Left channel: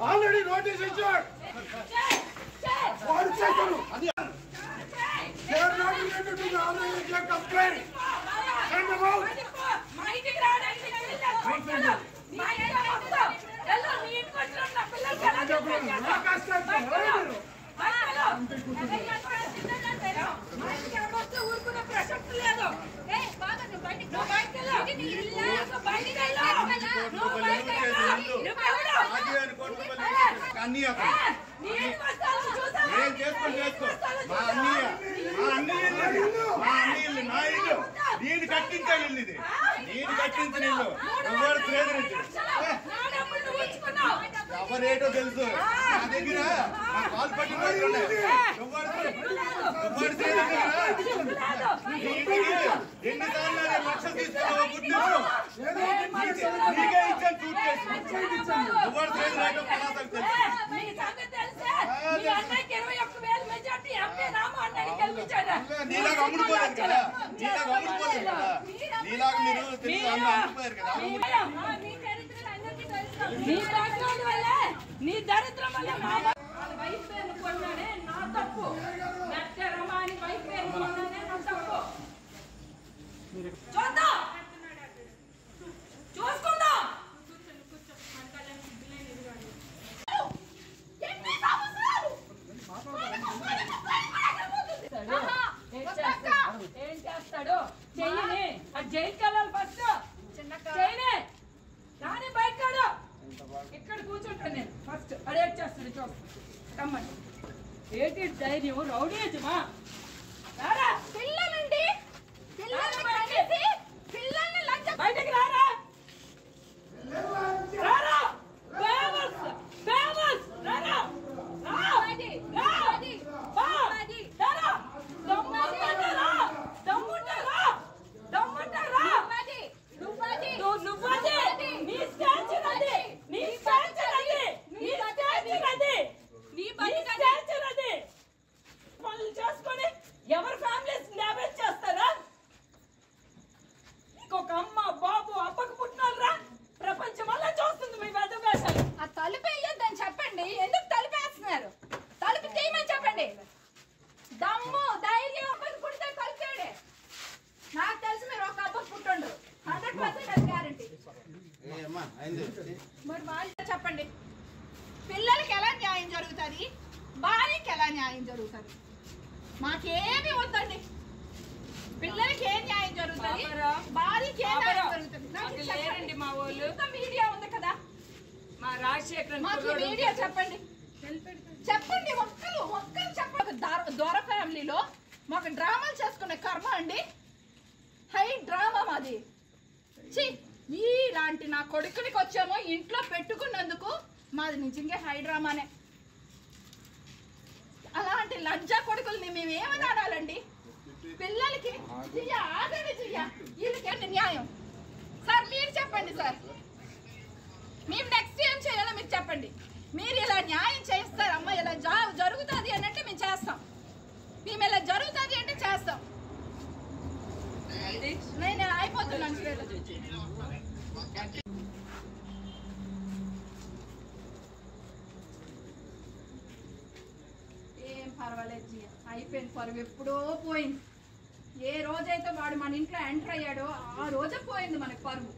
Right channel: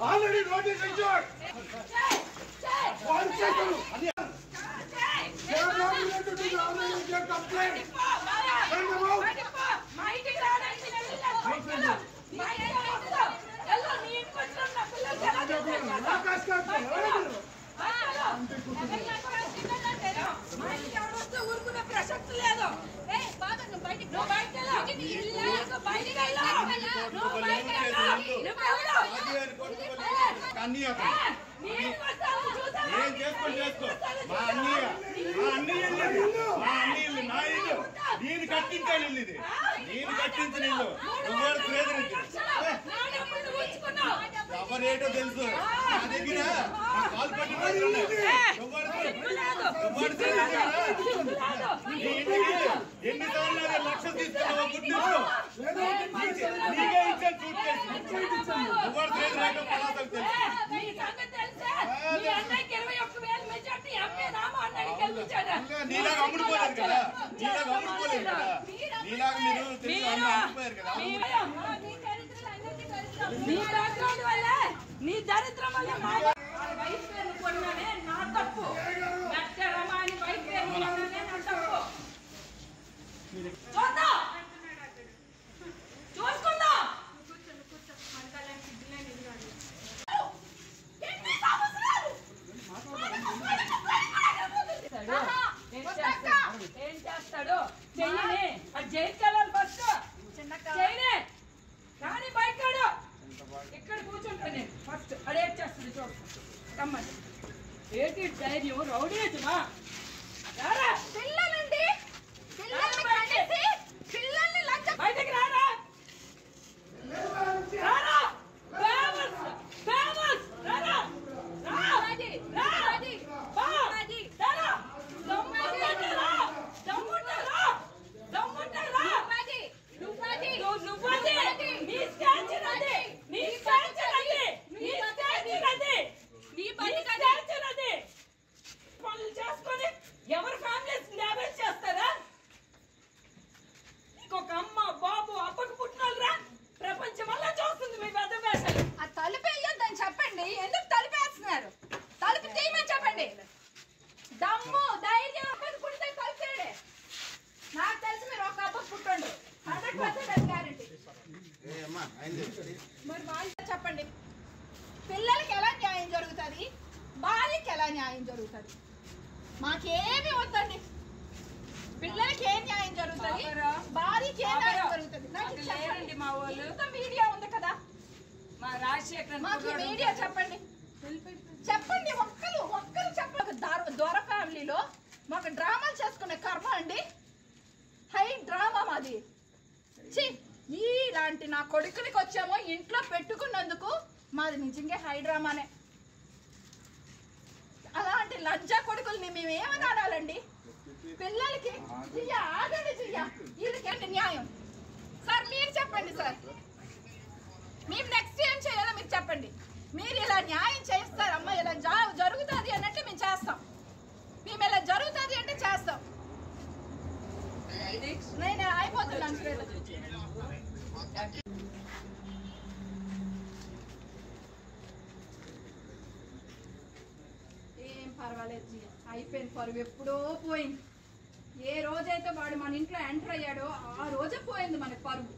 Already notice injured. One second. They are not related to the other complaint. Send them out. నేను కట్టించాలి ఇది నేను కట్టించిన ఇల్లు ఎవరు ఎవరేటో తెలుసు నా దగ్గర నా కాల్ పట్టిన ఎన్నిసార్లు లక్షలు తీసుకున్నావు గుర్తింపు నీకే ఇచ్చాను చూట్ చేసి ఎవరు నీలాగా అమ్ముడుపోలేదు కదా నీలాగా అమ్ముడుపోలేదు కదా నీలాగా మీరు తెలుగు అమ్ముడుపోయారు కదా నీ దరిద్రం వల్ల నా వైఫ్ పేరు కొన్నానే నా తప్పు మెట్ట రమాని వైఫ్ పేరు కొన్నానే నా తప్పు చూద్దాం చూసుకుందాం ఏం చేస్తాడు చెయ్యని జైలుకి వెళ్ళాలి ఫస్ట్ చేయనే కానీ బయటకాడు ఇక్కడ కూర్చుంటాను నేను ఫస్ట్ అడేట్ చేస్తాడు చూస్తాను రమ్మని ఏంటి ధైర్యం రౌడీజమా రారా పిల్లలండి పిల్లల్ని బయటకి రారా రారా చేసుకొని ఎవరి ఫ్యామిలీస్ డ్యామేజ్ చేస్తారా ఒక అమ్మ బాబు అప్పకు పుట్టినోళ్ళరా ప్రపంచం వల్ల చూస్తుంది మీ పెద్ద వేషాలు ఆ తలుపు వేయొద్దని చెప్పండి ఎందుకు తలుపేస్తున్నారు తలుపు తీయమని చెప్పండి దమ్ము ధైర్యం అప్పకు పుట్టితే తలుపేడే నాకు తెలిసి మీరు ఒక అప్పకు పుట్టుండ్రు 100% గ్యారంటీ మరి వాళ్ళు చెప్పండి పిల్లలకి ఎలా న్యాయం జరుగుతుంది భార్యకి ఎలా న్యాయం జరుగుతుంది మాకేమి వద్దండి పిల్లలకి ఏం న్యాయం జరుగుతుంది భార్యకి ఏం న్యాయం జరుగుతుంది మా వాళ్ళు మీడియా ఉంది కదా మా రాజశేఖర్ మాకు మీడియా చెప్పండి చెప్పండి ఒక్కరు చెప్పండి దొర ఫ్యామిలీలో మాకు డ్రామాలు చేసుకునే కర్మ అండి హై డ్రామా మాది ఇలాంటి నా కొడుకునికి వచ్చామో ఇంట్లో పెట్టుకున్నందుకు మాది నిజంగా హై డ్రామానే అలాంటి లంజా కొడుకుల్ని మేము ఏమని ఆడాలండి పిల్లలకి ఆగండి వీళ్ళకి న్యాయం సార్ మీరు చెప్పండి సార్ మేము నెక్స్ట్ ఏం చేయాలో మీరు చెప్పండి మీరు ఇలా న్యాయం చేస్తారు అమ్మ ఇలా జరుగుతుంది అని అంటే మేము చేస్తాం మేము ఇలా జరుగుతుంది అంటే చేస్తాం నేను అయిపోతున్నాను ఏం పర్వాలేదు అయిపోయింది పరువు ఎప్పుడో పోయింది ఏ రోజైతే వాడు మన ఇంట్లో ఎంటర్ అయ్యాడో ఆ రోజే పోయింది మనకు పరువు